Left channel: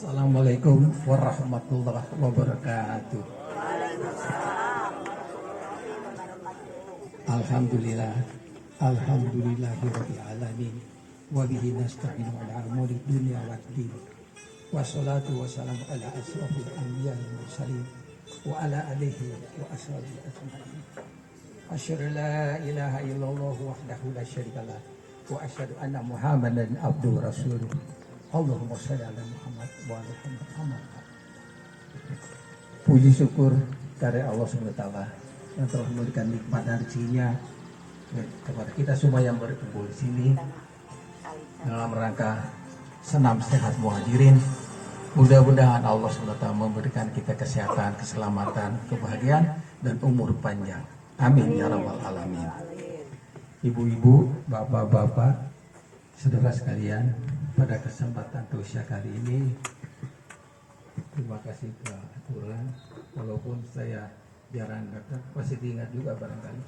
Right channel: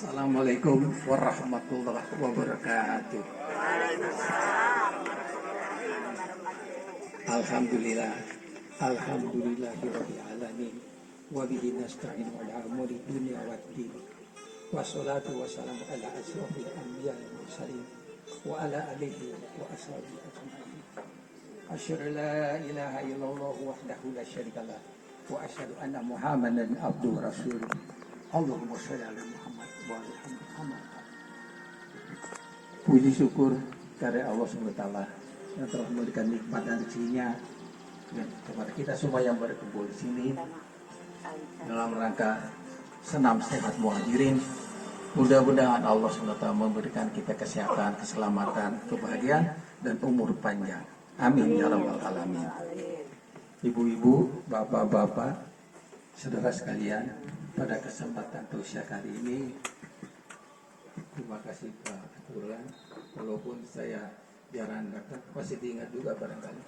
Assalamualaikum warahmatullahi wabarakatuh. Alhamdulillah, alhamdulillahirabbil alamin. Wa bihi nasta'inu ala umuri dunya waddin. Wassalatu wassalamu ala asyrofil anbiya wal mursalin wa ala alihi wa ashabihi ajma'in. Asyhadu an la ilaha illallah wahdahu la syarikalah wa asyhadu anna Muhammadan abduhu rasuluh. Allahumma shalli ala Muhammad wa ala Muhammad. Puji syukur karena Allah SWT yang telah memberikan nikmat dan rezekinya ya, kepada kita semua yang berkumpul di sini dalam rangka senam sehat muhajirin. Mudah-mudahan Allah SWT memberikan kita kesehatan, keselamatan, kebahagiaan dan umur panjang. Amin ya rabbal alamin. Ibu-ibu, bapak-bapak, saudara sekalian, pada kesempatan tausiah kali ini, terima kasih Pak Abdullah. Walaupun saya jarang datang, pasti diingat juga barangkali.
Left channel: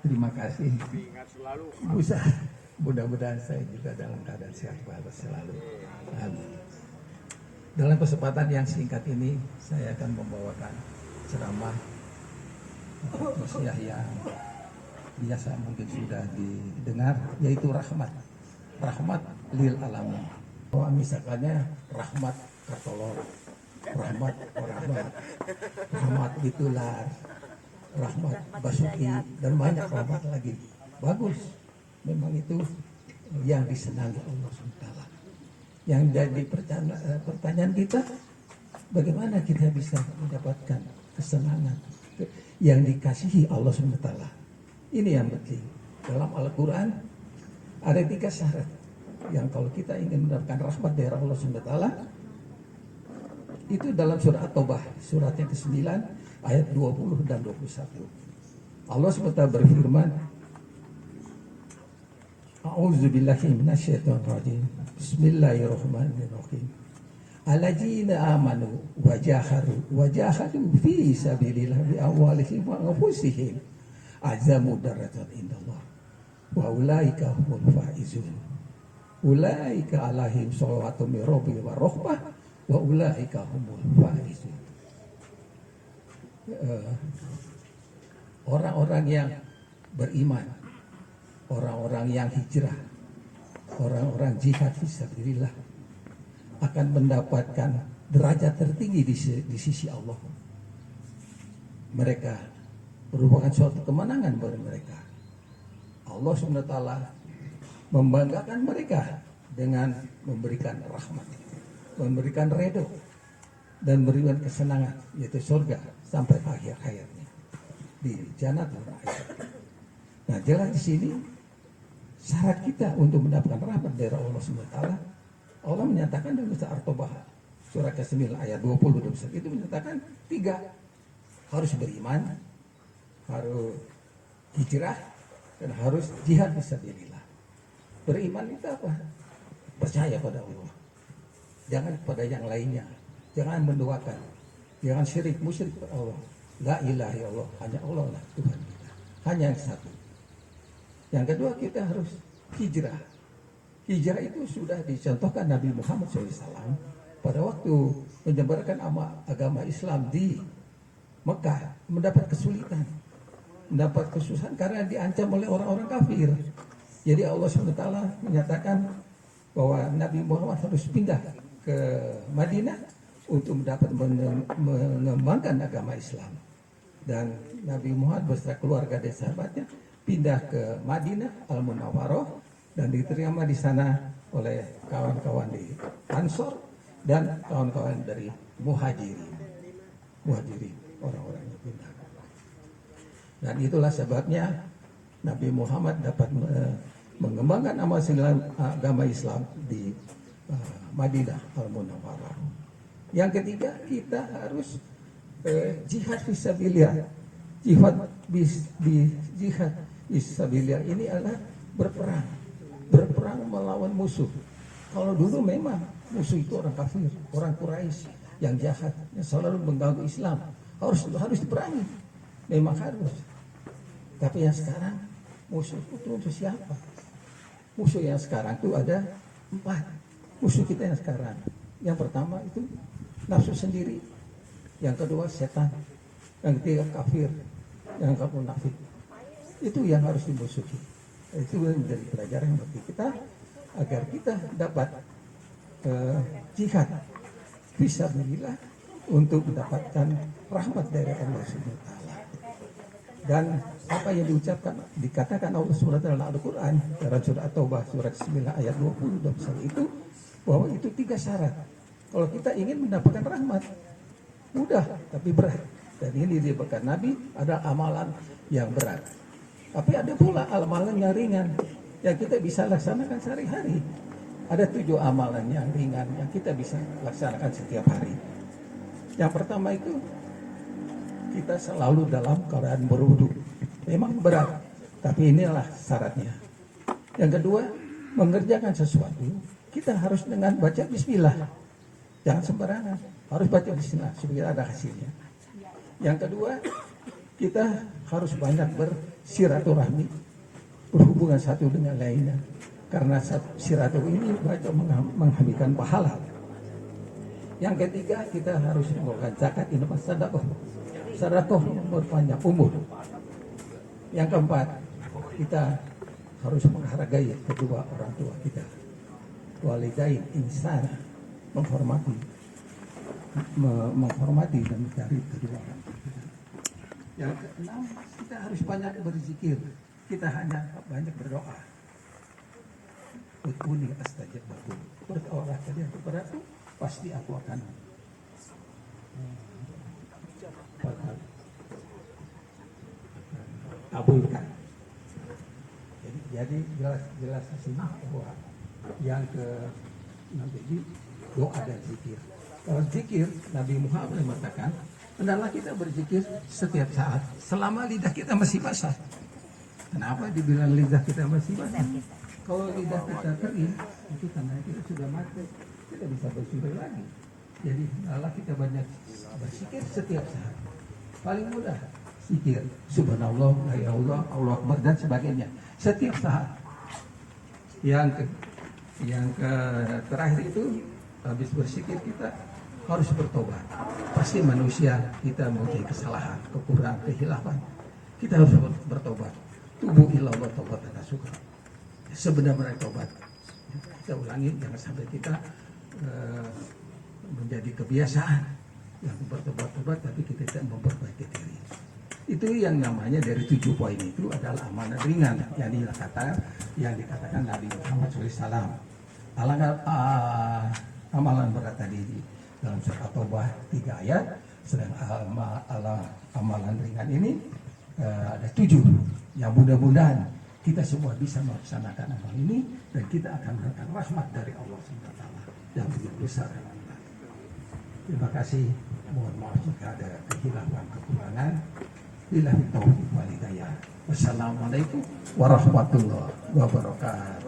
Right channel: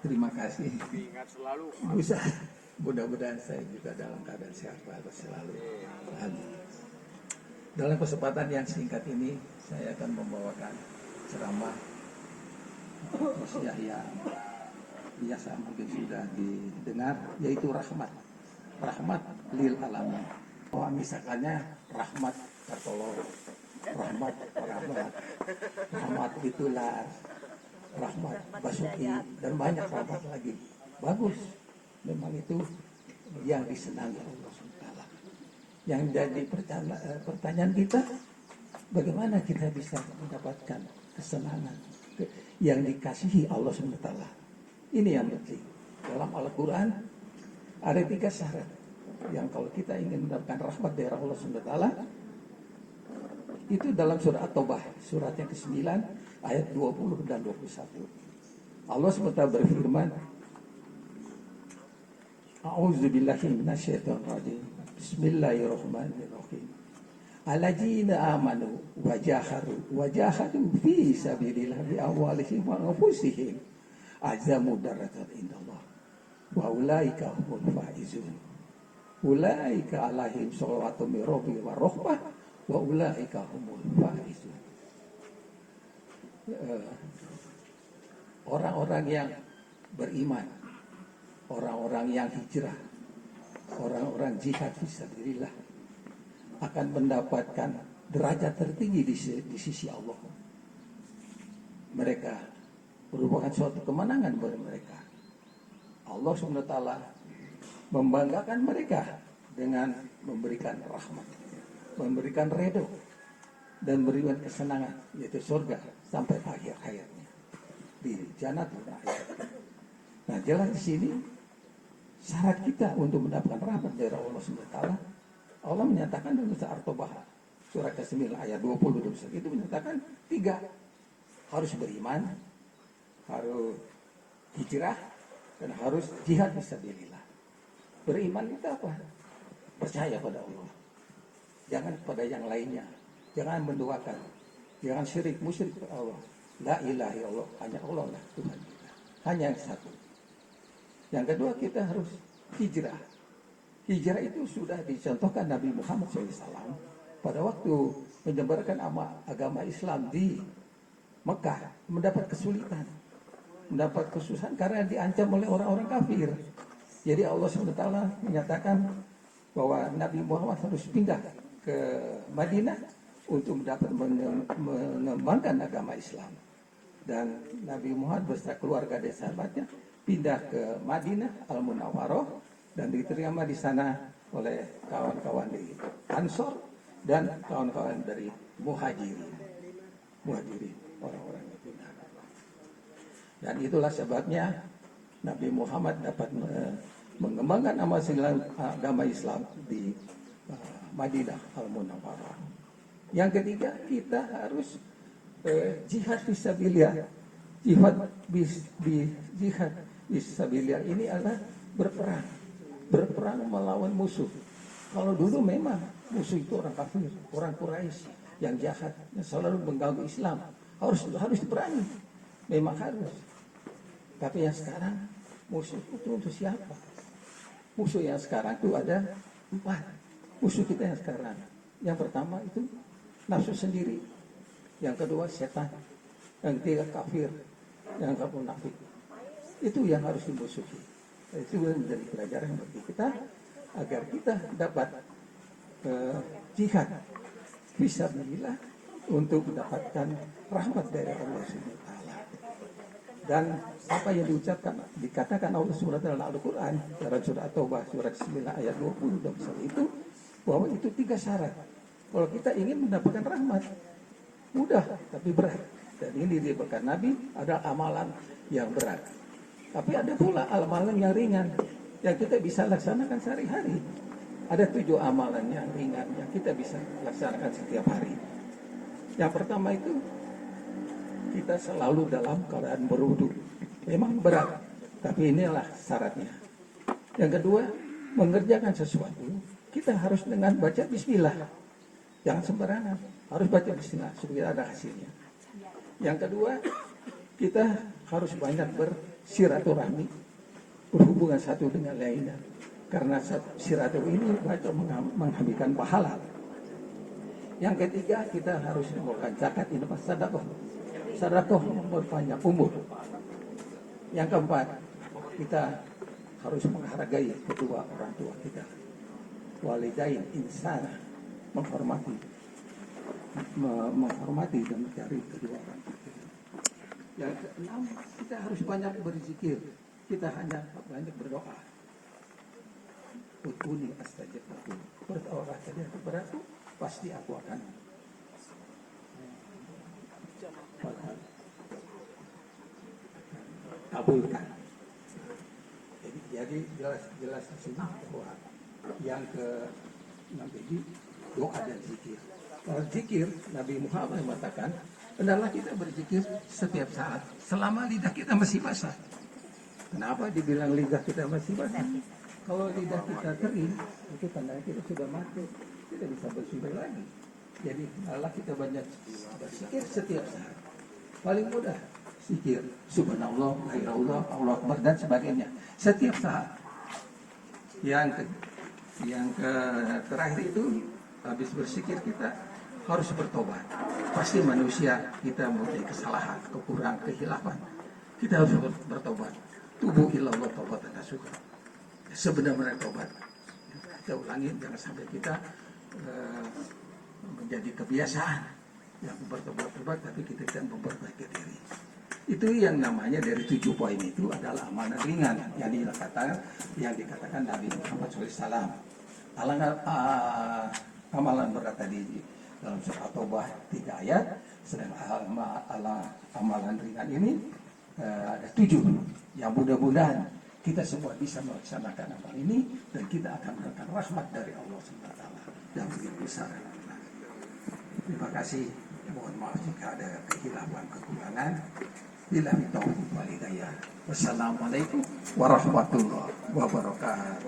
Terima kasih. Diingat selalu. Bisa. Mudah-mudahan saya juga dalam keadaan sehat selalu. Amin. Dalam kesempatan yang singkat ini, saya akan membawakan ceramah tausiah yang biasa mungkin sudah didengar, yaitu rahmat lil alamin. Bahwa misalkannya rahmat Kartolo, rahmat Bitular, rahmat Basuki, dan banyak rahmat lagi. Bagus, memang itu yang disenangi Allah SWT. Yang jadi pertanyaan kita, bagaimana kita bisa mendapatkan kesenangan yang dikasihi Allah SWT. Ini yang penting. Dalam Al-Quran ada 3 syarat yang kalau kita ingin mendapatkan rahmat dari Allah SWT, itu dalam surah At-Taubah, surat yang ke-9 ayat 20 dan 21. Allah SWT berfirman, A'udzubillahi minasyaitonirrajim. Bismillahirrahmanirrahim. Alladzina amanu wajahadu fi sabilillah bi amwalihim wa anfusihim azamu darajat indallah wa ulaika humul faizun. Ulaika alaihim sholawatu min rabbihim wa rahmah wa ulaika humul faizun. Orang-orang yang beriman, orang-orang yang hijrah, orang-orang jihad fisabilillah akan mendapatkan derajat tertinggi di sisi Allah. Mereka merupakan suatu kemenangan bagi mereka. Allah SWT membanggakan mereka dengan memberikan rahmat, memberikan ridho, dan memberikan kesenangan, yaitu surga sampai akhir hayatnya di Jannatul Ma'wa. Nah, jelas di sini syarat kita untuk mendapatkan rahmat dari Allah SWT. Allah menyatakan dalam surah At-Taubah surat ke-9 ayat 20 itu menyatakan 3, harus beriman, harus hijrah, dan harus jihad fisabilillah. Beriman itu apa? Percaya pada Allah, jangan pada yang lainnya, jangan menduakan, jangan syirik musyrik pada Allah. La ilaha illallah, hanya Allah lah Tuhan kita, hanya yang satu. Yang kedua, kita harus hijrah. Hijrah itu sudah dicontohkan Nabi Muhammad SAW pada waktu menyebarkan agama Islam di Mekah, mendapat kesulitan, mendapat kesusahan karena diancam oleh orang-orang kafir. Jadi Allah SWT menyatakan bahwa Nabi Muhammad harus pindah ke Madinah untuk mendapat mengembangkan agama Islam. Dan Nabi Muhammad beserta keluarga dan sahabatnya pindah ke Madinah Al-Munawwarah dan diterima di sana oleh kawan-kawan di Ansor dan kawan-kawan dari Muhajirin, orang-orang yang pindah. Dan itulah sebabnya Nabi Muhammad dapat mengembangkan agama Islam di Madinah Al-Munawwarah. Yang ketiga, kita harus jihad fisabilillah. Jihad fisabilillah ini adalah berperang melawan musuh. Kalau dulu memang musuh itu orang kafir, orang Quraisy yang jahat, yang selalu mengganggu Islam. Harus diperangi, memang harus. Tapi yang sekarang musuh itu untuk siapa? Musuh yang sekarang itu ada 4. Musuh kita yang sekarang Yang pertama itu nafsu sendiri, yang kedua setan, yang ketiga kafir, yang keempat munafik. Itu yang harus dimusuhi. Itu menjadi pelajaran bagi kita agar kita dapat jihad fisabilillah untuk mendapatkan rahmat dari Allah Subhanahu wa taala. Dan apa yang dikatakan Allah Subhanahu wa taala dalam Al-Qur'an dalam surat At-Taubah surat 9 ayat 20 itu bahwa itu 3 syarat. Kalau kita ingin mendapatkan rahmat mudah tapi berat. Dan ini diberikan Nabi adalah amalan yang berat. Tapi ada pula amalan yang ringan yang kita bisa laksanakan sehari-hari. Ada 7 amalan yang ringan yang kita bisa laksanakan setiap hari. Yang pertama itu kita selalu dalam keadaan berwudu. Memang berat, tapi inilah syaratnya. Yang kedua, mengerjakan sesuatu kita harus dengan baca bismillah. Jangan sembarangan, harus baca bismillah supaya ada hasilnya. Yang kedua, kita harus banyak bersiraturahmi, berhubungan satu dengan lainnya. Karena silaturahmi ini banyak menghabiskan pahala. Yang ketiga, kita harus mengeluarkan zakat, infak, sedekah. Sedekah memperpanjang umur. Yang keempat, kita harus menghargai kedua orang tua kita. Walidain insan, menghormati dan mencari kedua orang tua. Yang keenam, kita harus banyak berzikir. Kita hanya banyak berdoa. Ud'uni astajib lakum. Berdoalah kalian kepadaku, pasti aku akan kabulkan. Jadi jelas di sini bahwa yang jadi doa dan zikir. Kalau zikir, Nabi Muhammad mengatakan, hendaklah kita berzikir setiap saat selama lidah kita masih basah. Kenapa dibilang lidah kita masih basah? Kalau lidah kita kering, itu tandanya kita sudah mati, kita bisa berzikir lagi. Jadi Allah kita banyak berzikir setiap saat. Paling mudah zikir subhanallah, la ilaha illallah, Allahu akbar dan sebagainya setiap saat. Yang terakhir itu habis berzikir kita harus bertobat. Pasti manusia kita mempunyai kesalahan, kekurangan, kehilapan. Kita harus bertobat. Tubuh ilallah taubat dan nasuha. Sebenar-benar tobat. Kita ulangi, jangan sampai kita menjadi kebiasaan yang bertobat-tobat tapi kita tidak memperbaiki diri. Itu yang namanya dari 7 poin itu adalah amalan ringan yang dikatakan Nabi Muhammad SAW. Amalan berat tadi dalam surat At-Taubah 3 ayat, sedang amalan ringan ini ada 7. Yang mudah-mudahan kita semua bisa melaksanakan amal ini dan kita akan mendapatkan rahmat dari Allah SWT yang begitu besar. Terima kasih. Mohon maaf jika ada kehilafan, kekurangan. Billahi taufiq wal hidayah. Wassalamualaikum warahmatullahi wabarakatuh.